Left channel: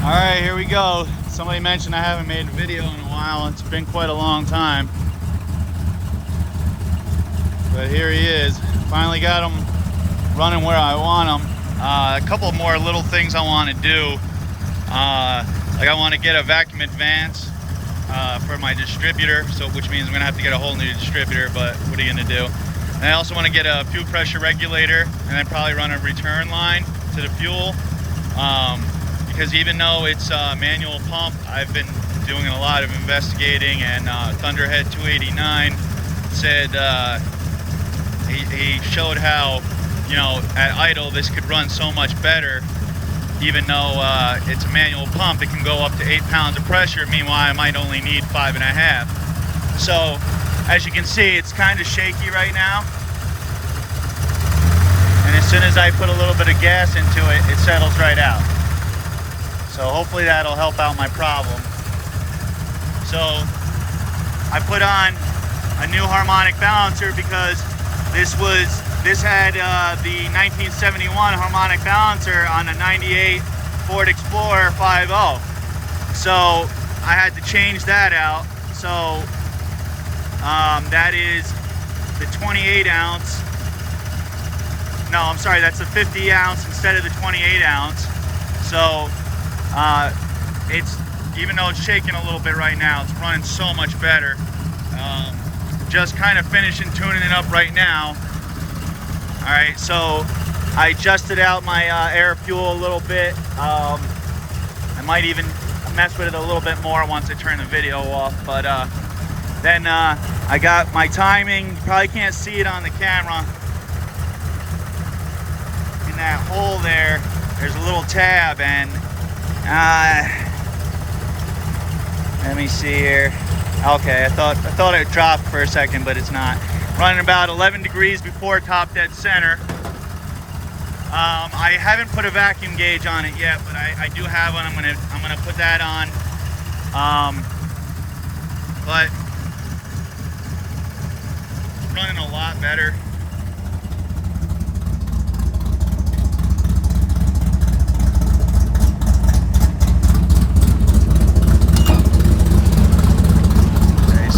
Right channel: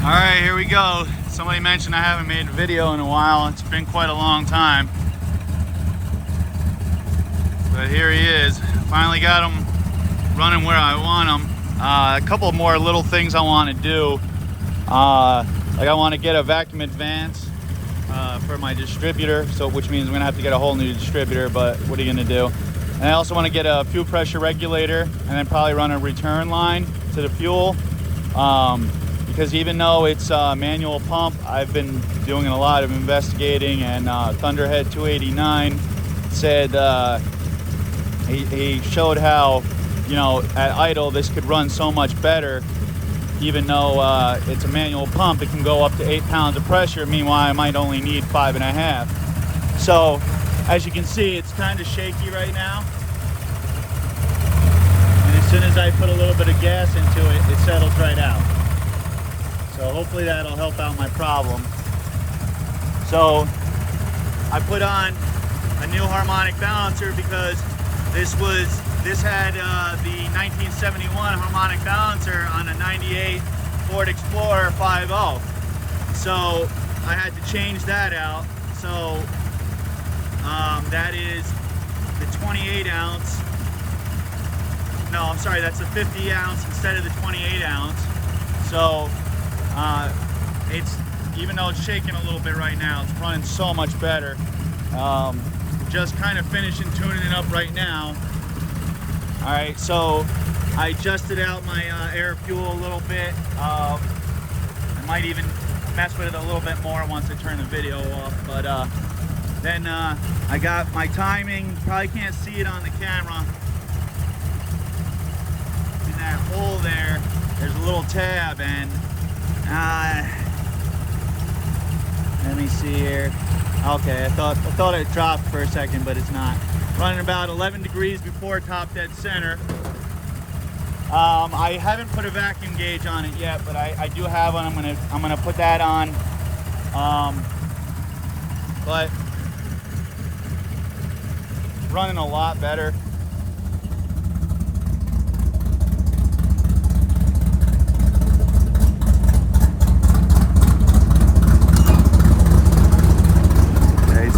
All right, here we go. Somebody mentioned I haven't made a video in a while. It's been quite a long time. But here he is. Finally got him running where I want him. A couple more little things I want to do. Like I want to get a vacuum advance for my distributor, which means I'm gonna have to get a whole new distributor, but what are you gonna do? And I also want to get a fuel pressure regulator and then probably run a return line to the fuel. Because even though it's a manual pump, I've been doing a lot of investigating, and Thunderhead 289 said he showed how, you know, at idle this could run so much better. Even though it's a manual pump, it can go up to 8 pounds of pressure. Meanwhile, I might only need 5.5. So as you can see, it's kind of shaky right now. And as soon as I put a little bit of gas into it, it settles right out. So hopefully that'll help out my problem. So I put on a new harmonic balancer because this had the 1971 harmonic balancer on a 98 Ford Explorer 5.0. So I had to change that out. So that is the 28 ounce. No, I'm sorry, that's the 50 ounce instead of the 28 ounce. So it's, even though it's shaking a little bit right now, it's running so much better. Just kind of finishing tuning it up right now. All right, so I adjusted out my air fuel a little bit. I might even mess with it a little bit more once I turn the video off, but then I got my timing. You probably can't see it on the camera. In that hole there's a little tab, and let me see here. Okay, I thought it dropped for a second, but it's not. Running about 11 degrees before top dead center. I haven't put a vacuum gauge on it yet, but I do have one. I'm gonna put that on. But running a lot better.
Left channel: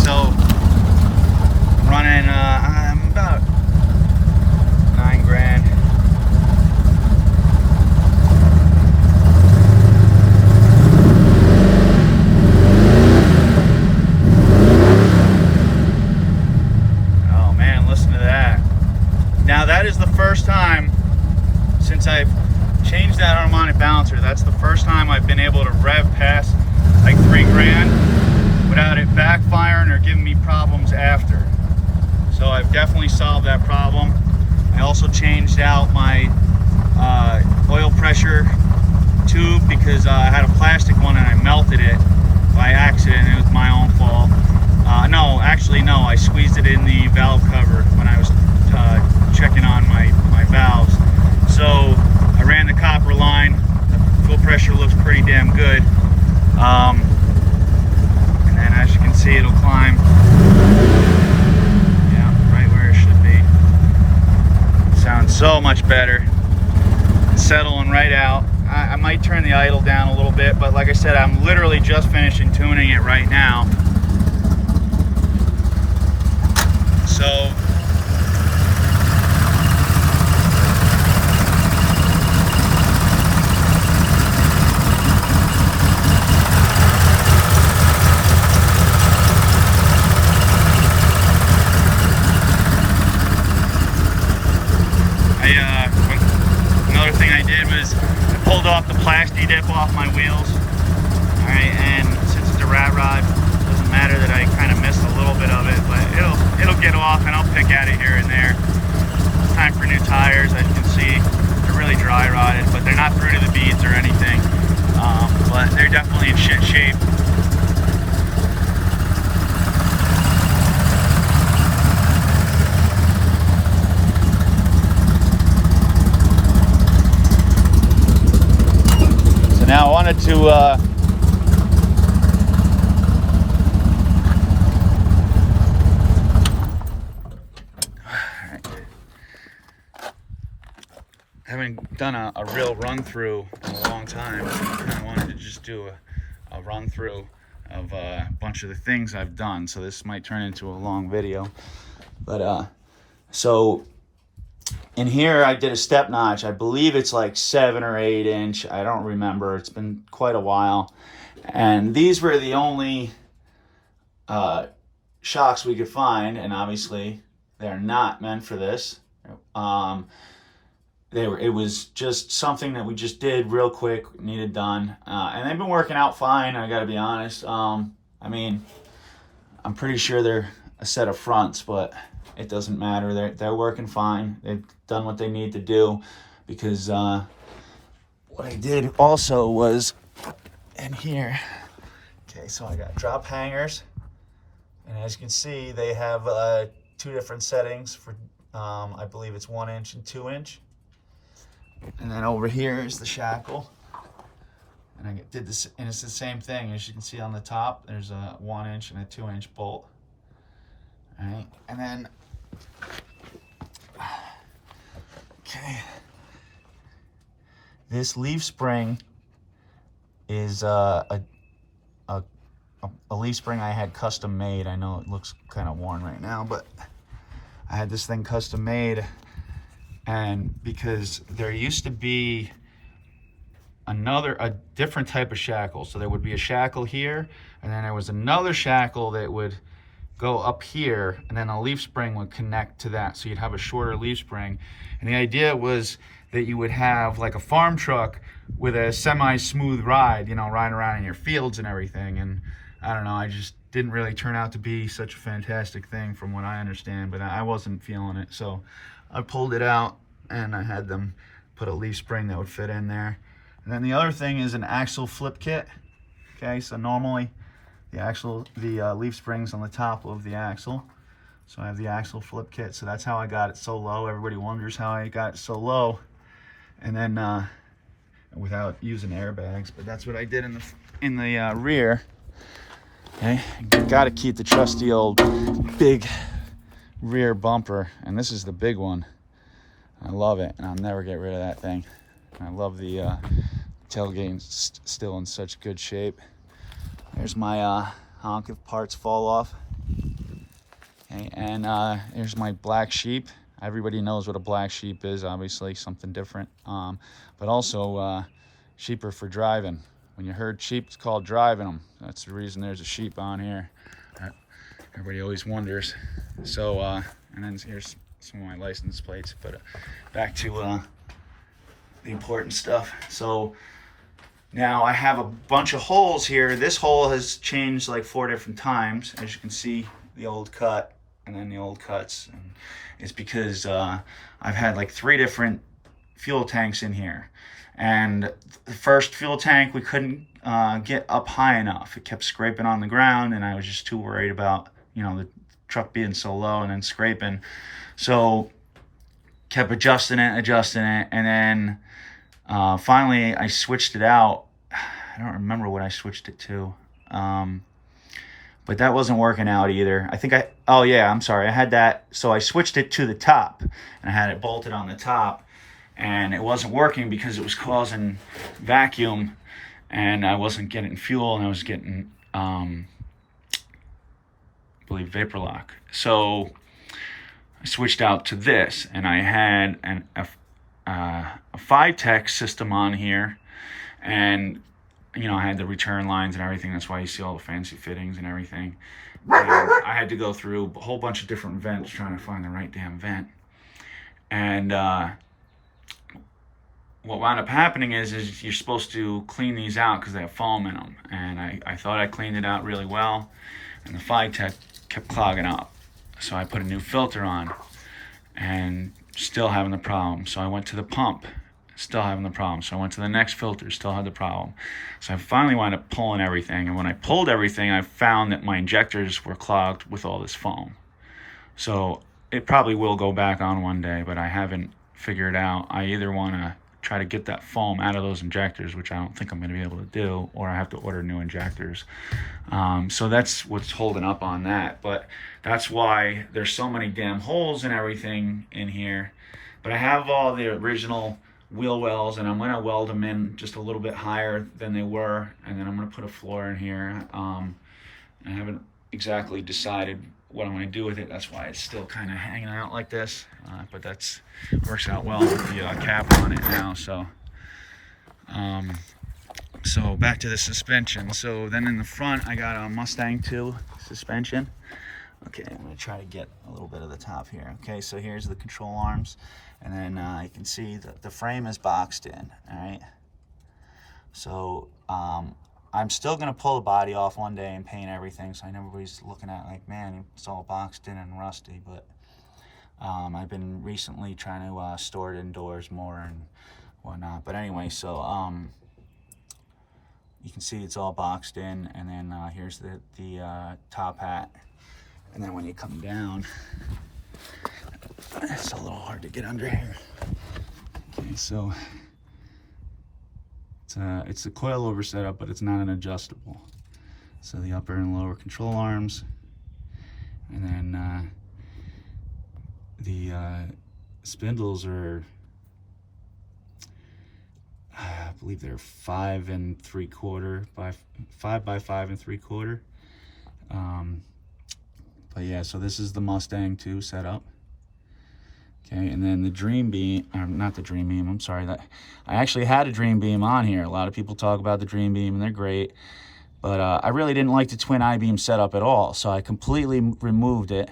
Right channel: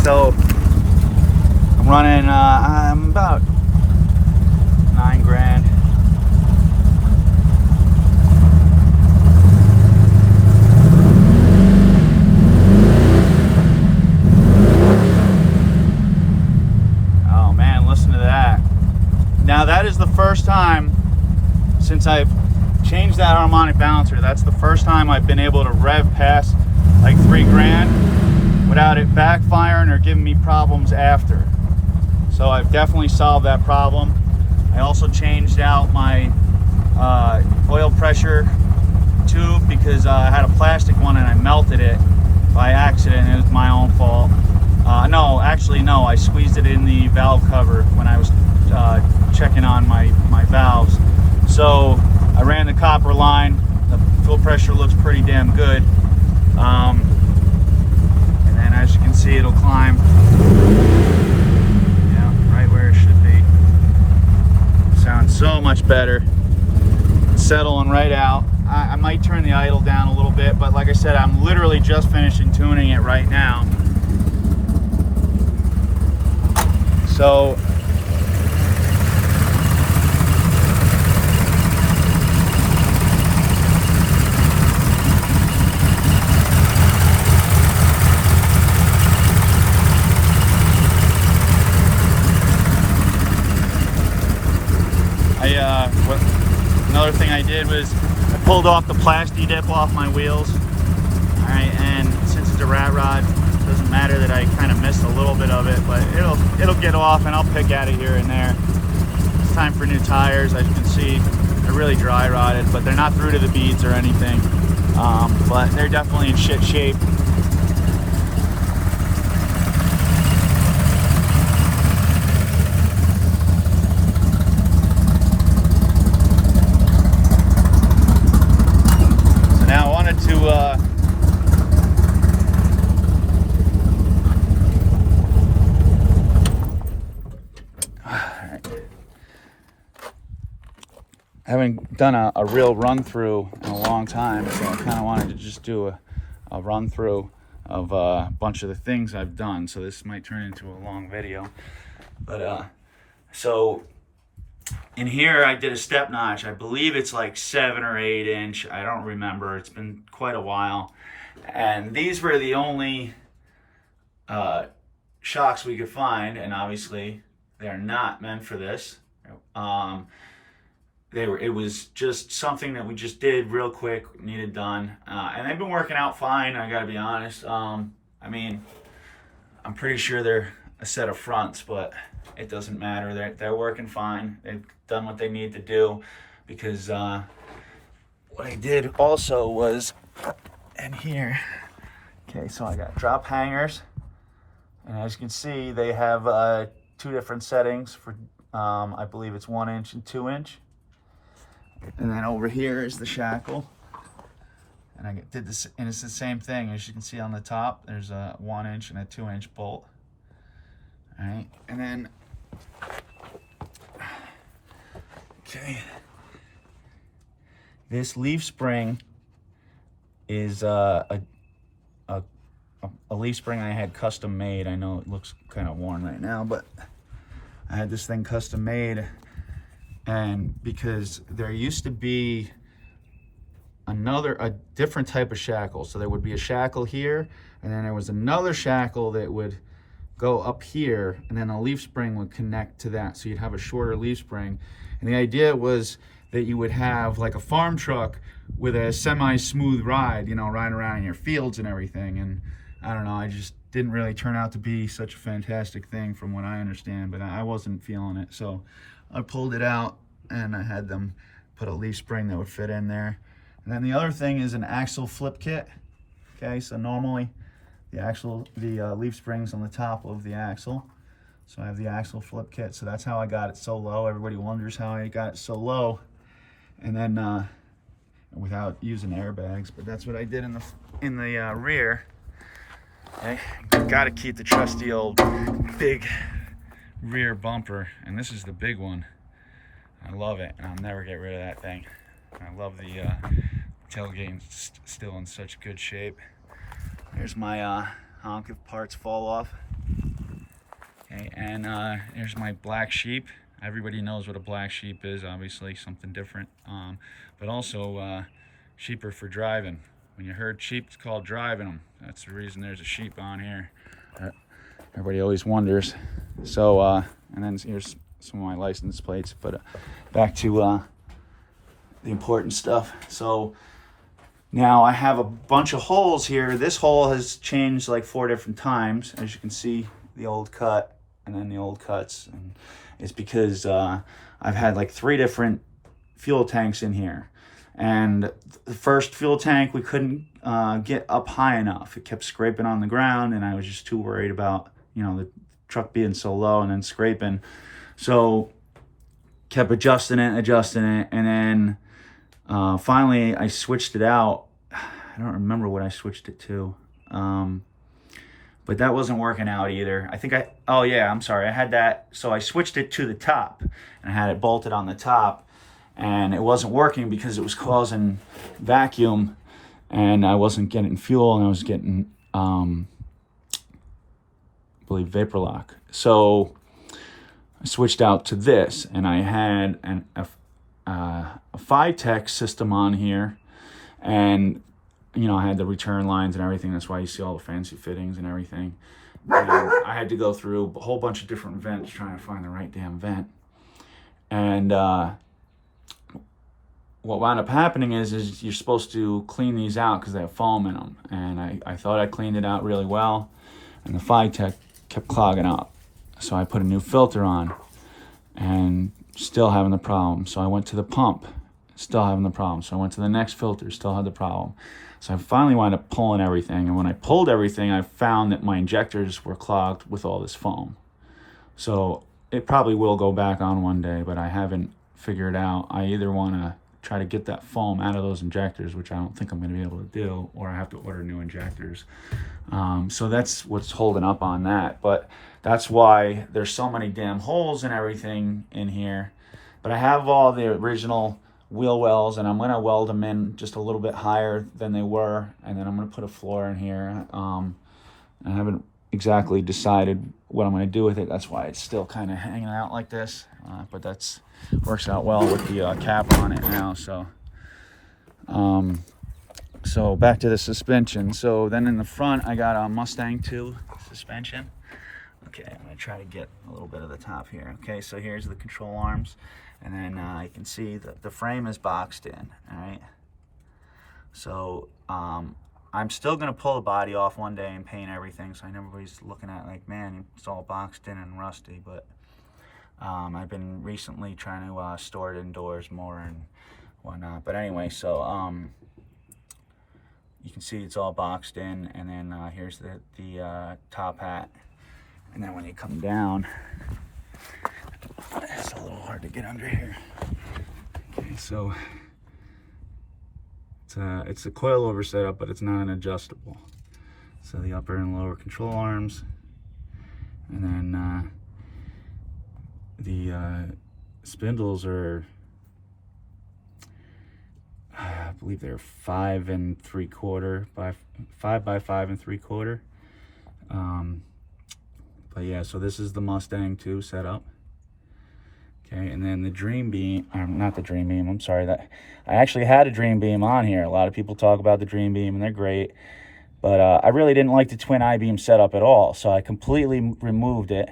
So running I'm about 9 grand. Oh man, listen to that. Now that is the first time since I've changed that harmonic balancer, that's the first time I've been able to rev past like 3 grand without it backfiring or giving me problems after. So I've definitely solved that problem. I also changed out my oil pressure tube because I had a plastic one and I melted it by accident. It was my own fault. No, I squeezed it in the valve cover when I was checking on my valves. So I ran the copper line. The fuel pressure looks pretty damn good. And as you can see, it'll climb, yeah, right where it should be. Sounds so much better. It's settling right out. I might turn the idle down a little bit, but like I said, I'm literally just finishing tuning it right now. So another thing I did was I pulled off the plasti dip off my wheels. Alright, and since it's a rat rod, it doesn't matter that I kind of missed a little bit of it, but it'll get off and I'll pick at it here and there. It's time for new tires. As you can see, they're really dry rotted, but they're not through to the beads or anything. But they're definitely in shit shape. I haven't done a real run through in a long time, so I kind of wanted to just do a run through of a bunch of the things I've done. So this might turn into a long video, but so in here I did a step notch. I believe it's like 7 or 8 inch. I don't remember. It's been quite a while, and these were the only shocks we could find, and obviously they're not meant for this. It was just something that we just did real quick, needed done, and they've been working out fine. I gotta be honest. I mean, I'm pretty sure they're a set of fronts, but it doesn't matter. They're working fine. They've done what they need to do, because what I did also was in here. Okay, so I got drop hangers, and as you can see, they have 2 different settings for I believe it's 1 inch and 2 inch. And then over here is the shackle, and I did this, and it's the same thing. As you can see on the top, there's a 1 inch and a 2 inch bolt. All right, and then okay, this leaf spring is a leaf spring I had custom made. I know it looks kind of worn right now, but I had this thing custom made. And because there used to be a different type of shackle. So there would be a shackle here, and then there was another shackle that would go up here, and then a leaf spring would connect to that. So you'd have a shorter leaf spring. And the idea was that you would have like a farm truck with a semi-smooth ride, you know, riding around in your fields and everything. And I don't know, I just didn't really turn out to be such a fantastic thing from what I understand, but I wasn't feeling it. So I pulled it out, and I had them put a leaf spring that would fit in there. And then the other thing is an axle flip kit. Okay, so normally the leaf springs on the top of the axle. So I have the axle flip kit. So that's how I got it so low. Everybody wonders how I got it so low, and then without using airbags. But that's what I did in the rear. Okay, got to keep the trusty old big rear bumper, and this is the big one. I love it, and I'll never get rid of that thing. I love the tailgate, still in such good shape. There's my honk if parts fall off. Okay, and here's my black sheep. Everybody knows what a black sheep is, obviously, something different. But also, sheep are for driving. When you herd sheep, it's called driving them. That's the reason there's a sheep on here. Everybody always wonders. So, and then here's some of my license plates. But back to the important stuff. So now I have a bunch of holes here. This hole has changed like 4 different times. As you can see, the old cut and then the old cuts. And it's because I've had like 3 different fuel tanks in here. And the first fuel tank, we couldn't get up high enough. It kept scraping on the ground, and I was just too worried about, you know, the truck being so low and then scraping. So kept adjusting it, and then finally I switched it out. I don't remember what I switched it to, but that wasn't working out either. I think oh yeah, I'm sorry, I had that, so I switched it to the top, and I had it bolted on the top, and it wasn't working because it was causing vacuum, and I wasn't getting fuel, and I was getting I believe vapor lock. So I switched out to this, and I had a 5-tech system on here, and you know, I had the return lines and everything. That's why you see all the fancy fittings and everything. And I had to go through a whole bunch of different vents trying to find the right damn vent. And what wound up happening is you're supposed to clean these out because they have foam in them. And I thought I cleaned it out really well, and the 5-tech kept clogging up. So I put a new filter on, and still having the problem. So I went to the pump, still having the problem. So I went to the next filter, still had the problem. So I finally wound up pulling everything. And when I pulled everything, I found that my injectors were clogged with all this foam. So it probably will go back on one day, but I haven't figured out. I either want to try to get that foam out of those injectors, which I don't think I'm going to be able to do, or I have to order new injectors. So that's what's holding up on that. But that's why there's so many damn holes and everything in here. But I have all the original wheel wells, and I'm going to weld them in just a little bit higher than they were, and then I'm going to put a floor in here. I haven't exactly decided what I'm going to do with it. That's why it's still kind of hanging out like this, but that's works out well with the cap on it now. So back to the suspension. So then in the front I got a Mustang 2 suspension. Okay, I'm going to try to get a little bit of the top here. Okay, so here's the control arms, and then you can see that the frame is boxed in. All right, so I'm still going to pull the body off one day and paint everything, so I know everybody's looking at like, man, it's all boxed in and rusty, but I've been recently trying to store it indoors more and whatnot. But anyway, so you can see it's all boxed in, and then here's the top hat. And then when you come down, it's a little hard to get under here. Okay, so it's a coilover setup, but it's not an adjustable. So the upper and lower control arms, and then the spindles are, I believe they're 5 3/4 by 5 by 5 3/4. But yeah, so this is the Mustang 2 setup. Okay, and then the Dream Beam, or not the Dream Beam, I'm sorry, that I actually had a Dream Beam on here. A lot of people talk about the Dream Beam and they're great, but I really didn't like the twin I-beam setup at all, so I completely removed it.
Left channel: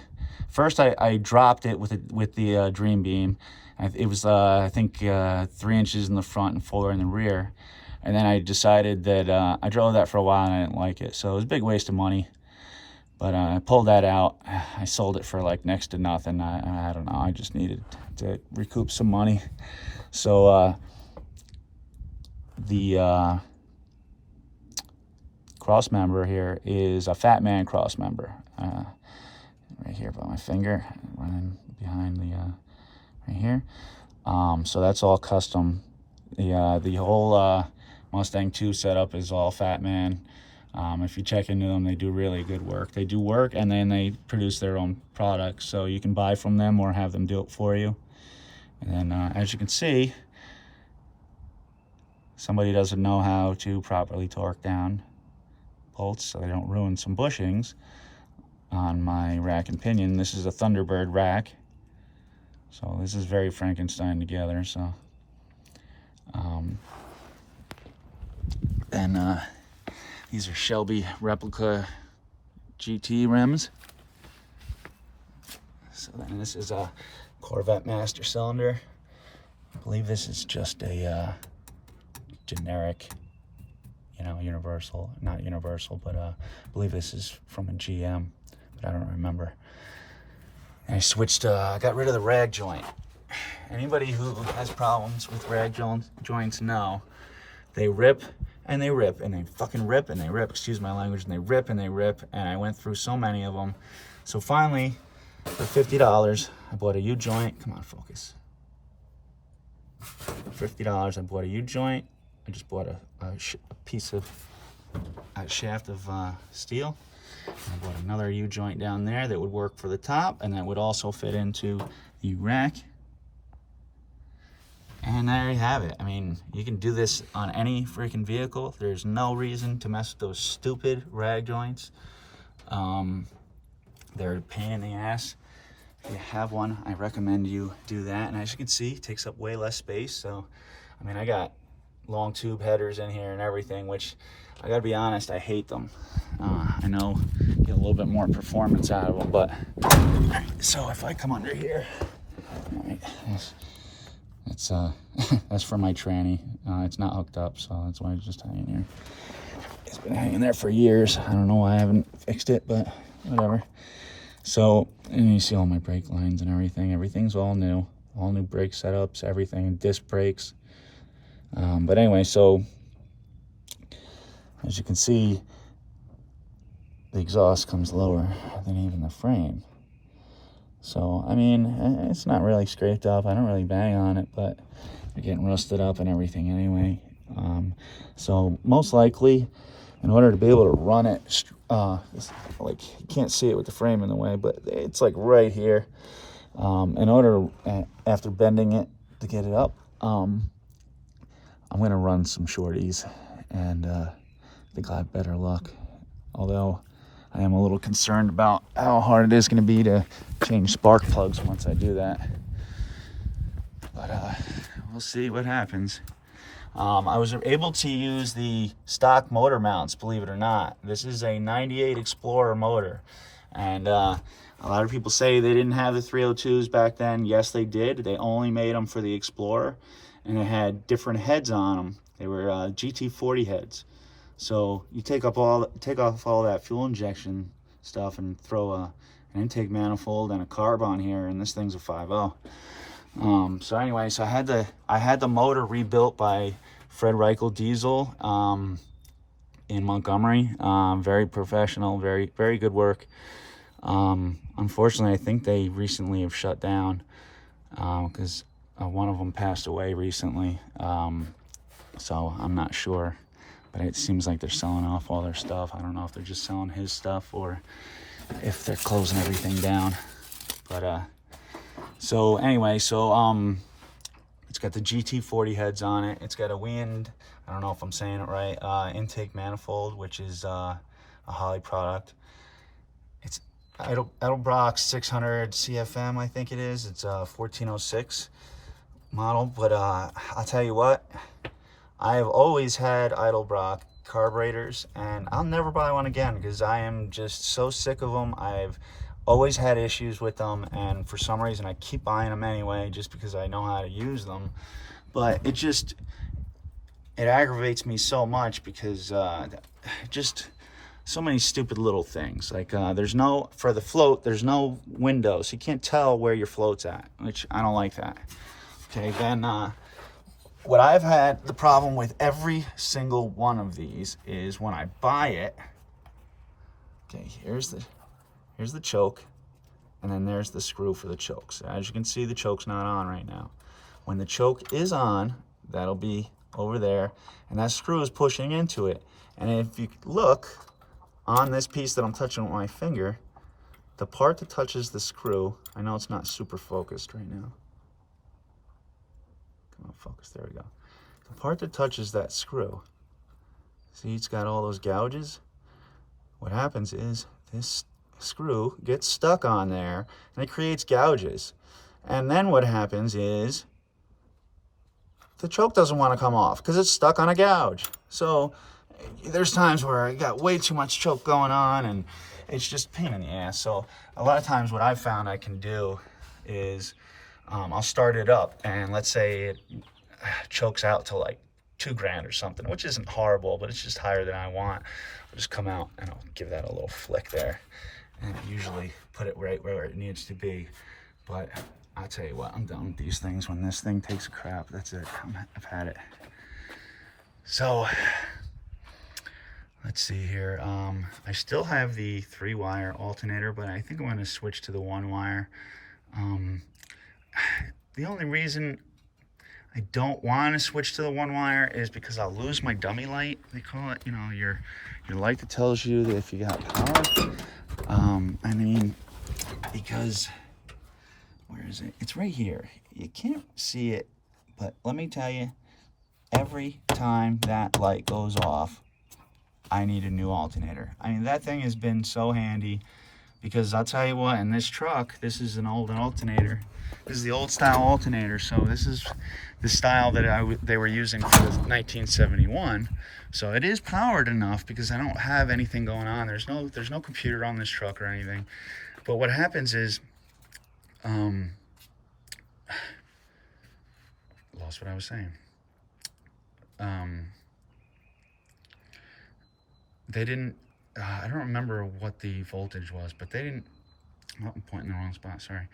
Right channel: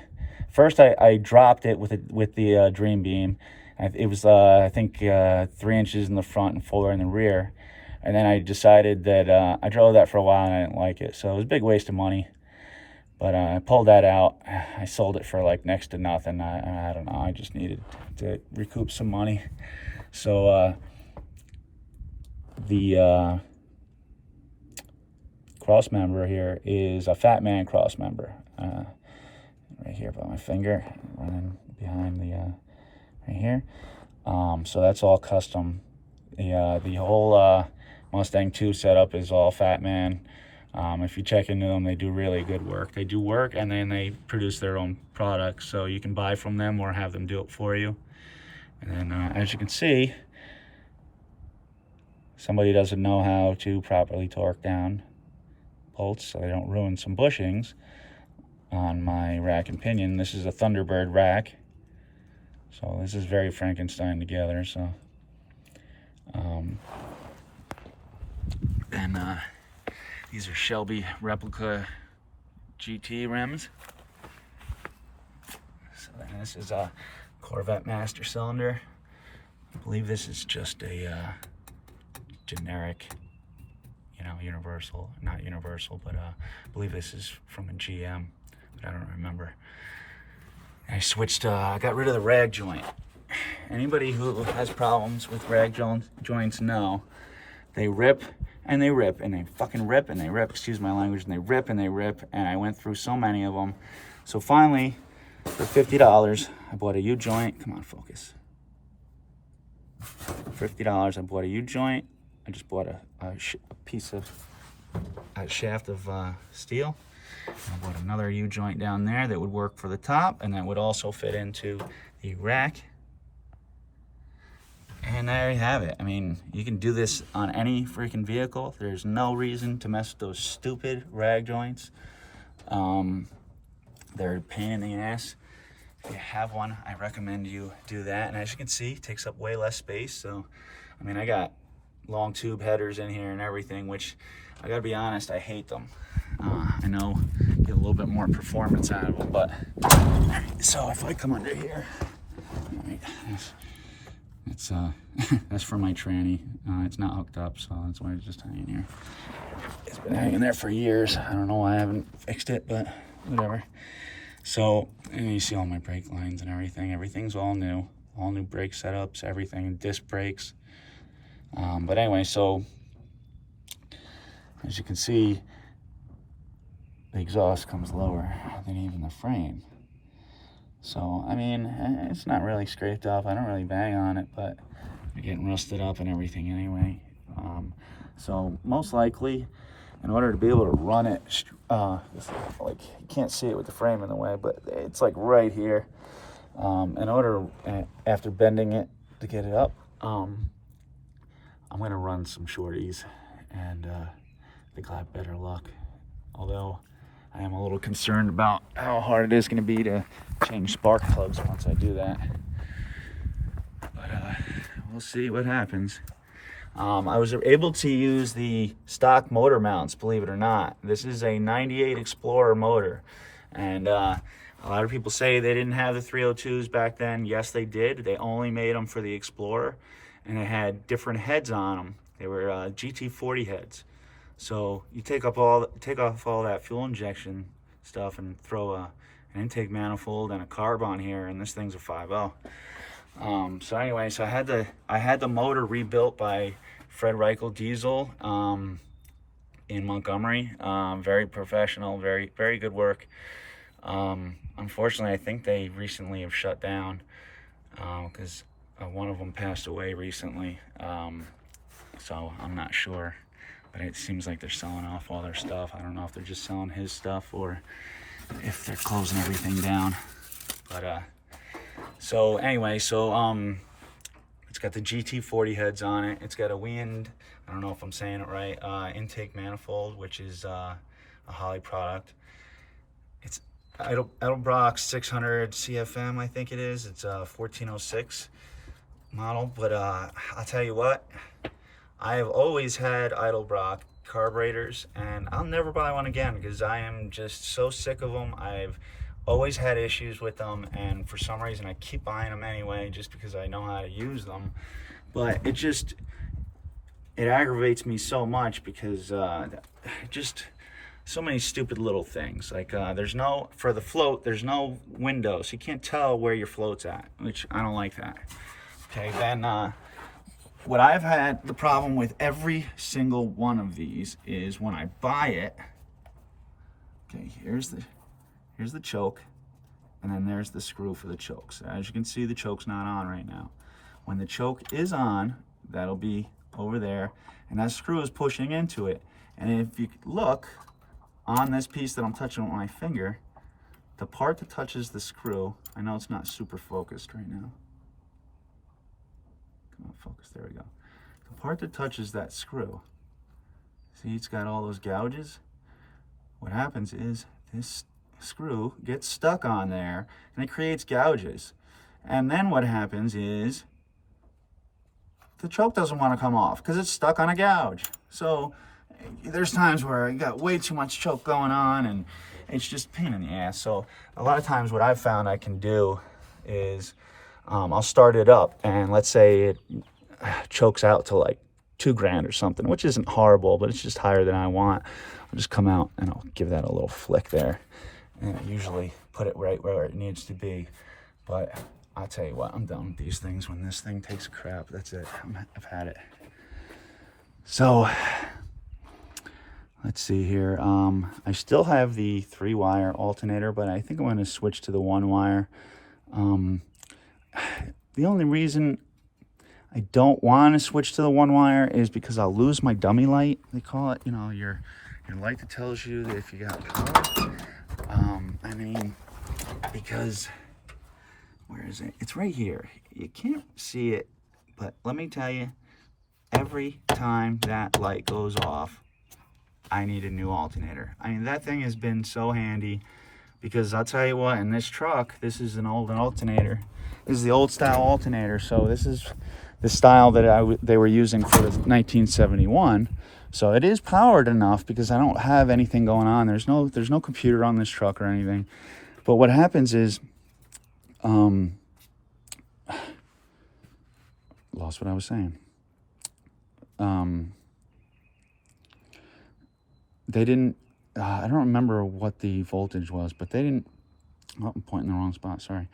First I dropped it with the Dream Beam. It was I think 3 inches in the front and 4 in the rear, and then I decided that I drove that for a while and I didn't like it, so it was a big waste of money. But I pulled that out. I sold it for like next to nothing. I don't know. I just needed to recoup some money. So the cross member here is a Fat Man cross member. Right here by my finger, running behind the right here. So that's all custom. The whole Mustang 2 setup is all Fat Man. If you check into them, they do really good work. They do work, and then they produce their own products, so you can buy from them or have them do it for you. And then as you can see, somebody doesn't know how to properly torque down bolts so they don't ruin some bushings on my rack and pinion. This is a Thunderbird rack, so this is very Frankenstein together. So these are Shelby replica GT rims. So then this is a Corvette master cylinder. I believe this is just a generic, universal, not universal, but I believe this is from a GM, but I don't remember. And I switched, I got rid of the rag joint. Anybody who has problems with rag joints know they rip and they rip and they fucking rip and they rip, excuse my language, and they rip and they rip, and I went through so many of them. So finally, for $50, I bought a U-joint. Come on, focus. For $50, I bought a U-joint. I just bought a piece of a shaft of steel. And I bought another U-joint down there that would work for the top, and that would also fit into the rack. And there you have it. I mean, you can do this on any freaking vehicle. There's no reason to mess with those stupid rag joints. They're a pain in the ass. If you have one, I recommend you do that. And as you can see, it takes up way less space. So, I mean, I got long tube headers in here and everything, which I gotta be honest, I hate them. I know get a little bit more performance out of them, but so if I come under here, all right, it's that's for my tranny. It's not hooked up, so that's why it's just hanging here. It's been hanging there for years. I don't know why I haven't fixed it, but whatever. So, and you see all my brake lines and everything. Everything's all new brake setups, everything, disc brakes. But anyway, so as you can see, the exhaust comes lower than even the frame. So, I mean, it's not really scraped up. I don't really bang on it, but you're getting rusted up and everything anyway. So most likely, in order to be able to run it, like you can't see it with the frame in the way, but it's like right here. In order, after bending it to get it up, I'm gonna run some shorties, and I think I have better luck. Although I am a little concerned about how hard it is gonna be to change spark plugs once I do that. But we'll see what happens. I was able to use the stock motor mounts, believe it or not. This is a 98 Explorer motor. And a lot of people say they didn't have the 302s back then. Yes, they did. They only made them for the Explorer. And it had different heads on them. They were GT40 heads. So you take off all that fuel injection stuff and throw an intake manifold and a carb on here, and this thing's a 5.0. So anyway, so I had the motor rebuilt by Fred Reichel Diesel in Montgomery. Very professional, very good work. Unfortunately, I think they recently have shut down because one of them passed away recently. So I'm not sure, but it seems like they're selling off all their stuff. I don't know if they're just selling his stuff or if they're closing everything down. But so anyway, so it's got the GT40 heads on it. It's got a wind, I don't know if I'm saying it right, intake manifold, which is a Holley product. It's Edelbrock 600 CFM, I think it is. It's a 1406 model, but I'll tell you what, I have always had Edelbrock carburetors, and I'll never buy one again because I am just so sick of them. I've always had issues with them, and for some reason I keep buying them anyway just because I know how to use them. But it aggravates me so much because just so many stupid little things. Like for the float, there's no window, so you can't tell where your float's at, which I don't like that. Okay, then what I've had the problem with every single one of these is when I buy it, okay, here's the choke, and then there's the screw for the choke. So as you can see, the choke's not on right now. When the choke is on, that'll be over there, and that screw is pushing into it. And if you look on this piece that I'm touching with my finger, the part that touches the screw, I know it's not super focused right now. Come on, focus, there we go. The part that touches that screw, see it's got all those gouges? What happens is this screw gets stuck on there and it creates gouges. And then what happens is the choke doesn't want to come off because it's stuck on a gouge. So there's times where I got way too much choke going on and it's just a pain in the ass. So a lot of times what I've found I can do is I'll start it up, and let's say it chokes out to like $2,000 or something, which isn't horrible, but it's just higher than I want. I'll just come out and I'll give that a little flick there, and usually put it right where it needs to be. But I'll tell you what, I'm done with these things. When this thing takes a crap, that's it. I've had it. So let's see here. I still have the 3-wire alternator, but I think I'm going to switch to the 1-wire. The only reason I don't want to switch to the 1-wire is because I'll lose my dummy light, they call it. You know, your light that tells you that if you got power. I mean, because where is it? It's right here. You can't see it, but let me tell you, every time that light goes off, I need a new alternator. I mean, that thing has been so handy because I'll tell you what, in this truck, this is an old alternator. This is the old style alternator. So this is the style that they were using for 1971. So it is powered enough because I don't have anything going on. There's no computer on this truck or anything. But what happens is, lost what I was saying. They didn't, I don't remember what the voltage was, but they didn't, oh, I'm pointing the wrong spot, sorry.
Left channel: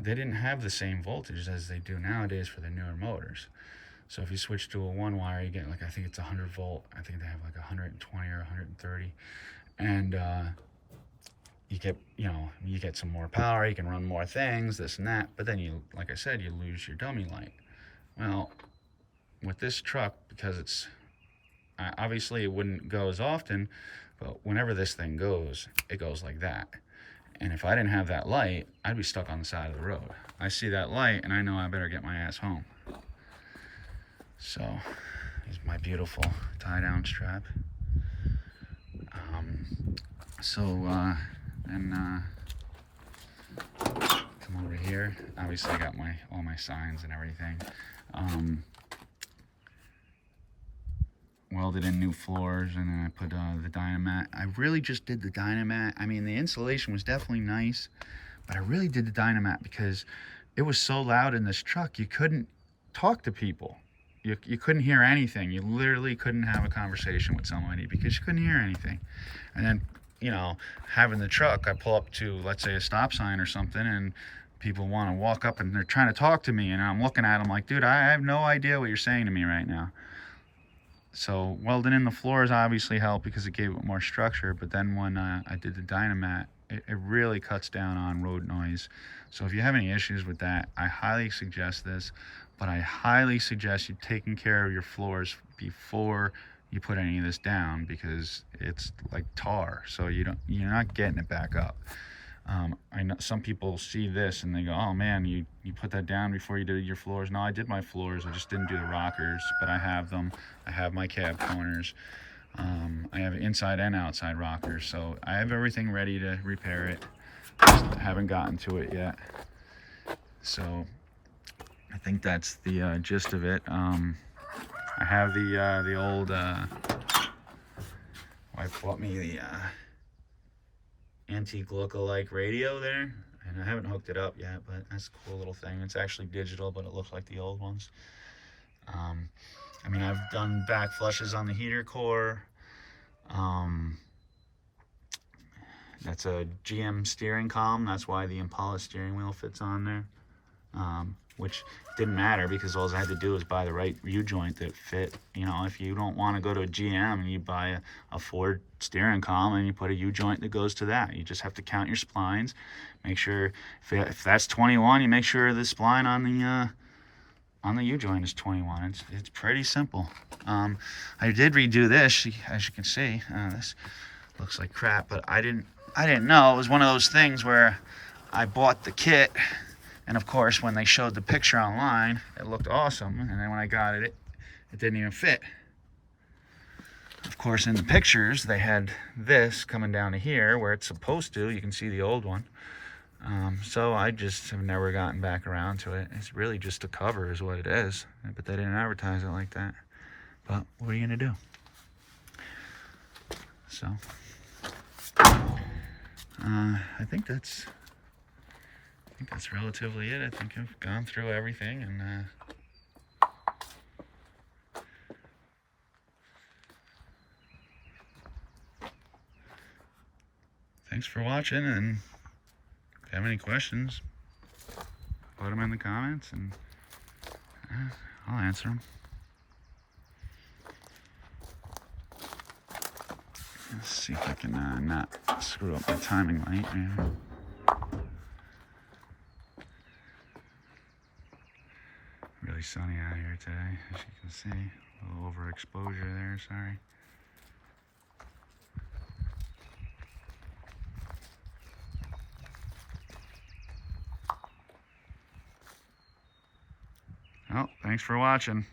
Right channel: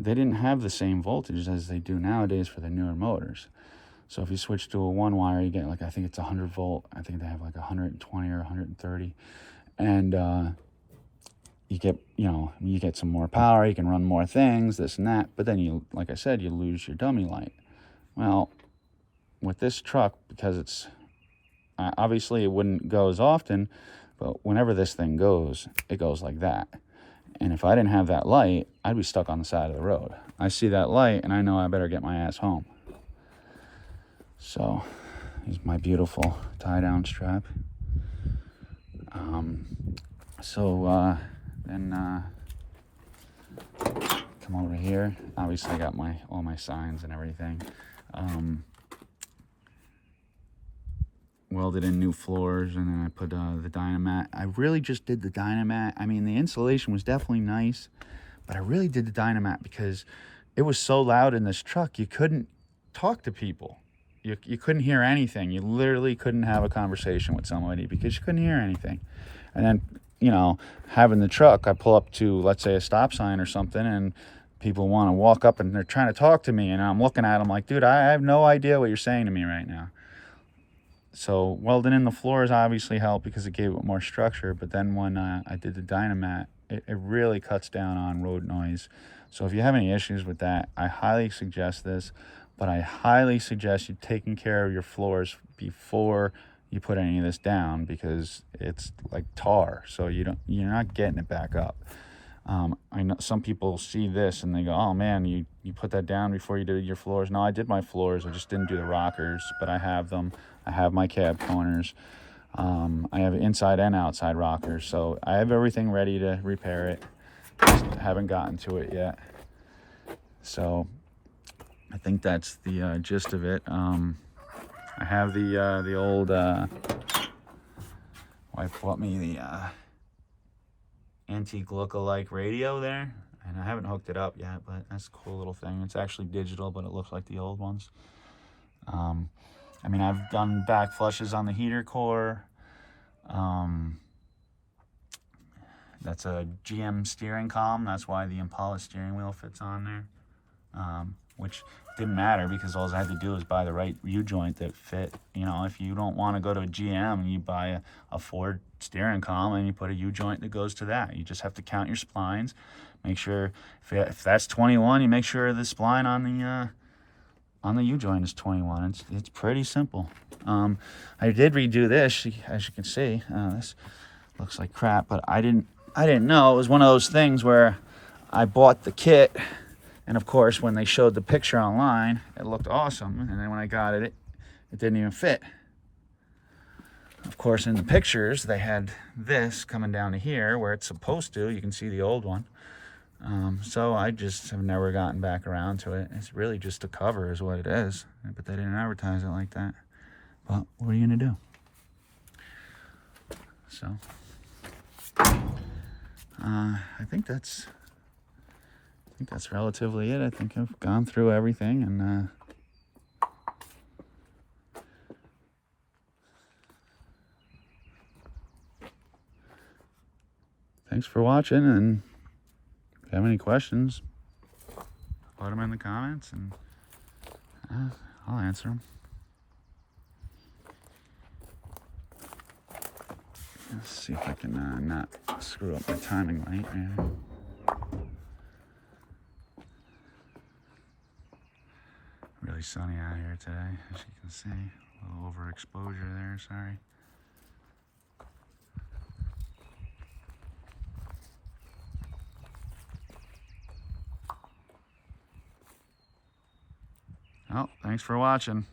They didn't have the same voltage as they do nowadays for the newer motors. So if you switch to a 1-wire, you get like, I think it's 100 volt. I think they have like 120 or 130. And you get some more power, you can run more things, this and that. But then you, like I said, you lose your dummy light. Well, with this truck, because it's, obviously it wouldn't go as often, but whenever this thing goes, it goes like that. And if I didn't have that light, I'd be stuck on the side of the road. I see that light and I know I better get my ass home. So is my beautiful tie-down strap. Then come over here. Obviously I got all my signs and everything. Welded in new floors, and then I put the Dynamat. I really just did the Dynamat. I mean, the insulation was definitely nice, but I really did the Dynamat because it was so loud in this truck, you couldn't talk to people. You couldn't hear anything. You literally couldn't have a conversation with somebody because you couldn't hear anything. And then, you know, having the truck, I pull up to, let's say, a stop sign or something, and people want to walk up and they're trying to talk to me, and I'm looking at them like, dude, I have no idea what you're saying to me right now. So welding in the floors obviously helped because it gave it more structure, but then when I did the Dynamat, it really cuts down on road noise. So if you have any issues with that, I highly suggest this, but I highly suggest you taking care of your floors before you put any of this down, because it's like tar, so you're not getting it back up. I know some people see this and they go, oh man, you put that down before you did your floors. No, I did my floors, I just didn't do the rockers, but I have them. I have my cab corners. I have inside and outside rockers, so I have everything ready to repair it. Just haven't gotten to it yet. So I think that's the gist of it. I have the old wife bought me the antique look-alike radio there, and I haven't hooked it up yet, but that's a cool little thing. It's actually digital, but it looks like the old ones. I mean, I've done back flushes on the heater core. That's a GM steering column. That's why the Impala steering wheel fits on there, which didn't matter because all I had to do was buy the right U-joint that fit. You know, if you don't want to go to a GM, you buy a Ford steering column and you put a U-joint that goes to that. You just have to count your splines. Make sure, if that's 21, you make sure the spline on the U-joint is 21. It's pretty simple. I did redo this, as you can see. This looks like crap, but I didn't know. It was one of those things where I bought the kit, and of course when they showed the picture online, it looked awesome, and then when I got it didn't even fit. Of course, in the pictures they had this coming down to here where it's supposed to. You can see the old one. So I just have never gotten back around to it. It's really just a cover is what it is, but they didn't advertise it like that. But what are you gonna do? So I think that's relatively it. I think I've gone through everything, and thanks for watching, and if you have any questions, put them in the comments and I'll answer them. Let's see if I can not screw up my timing light here. Really sunny out here today, as you can see. A little overexposure there, sorry. Well, thanks for watching.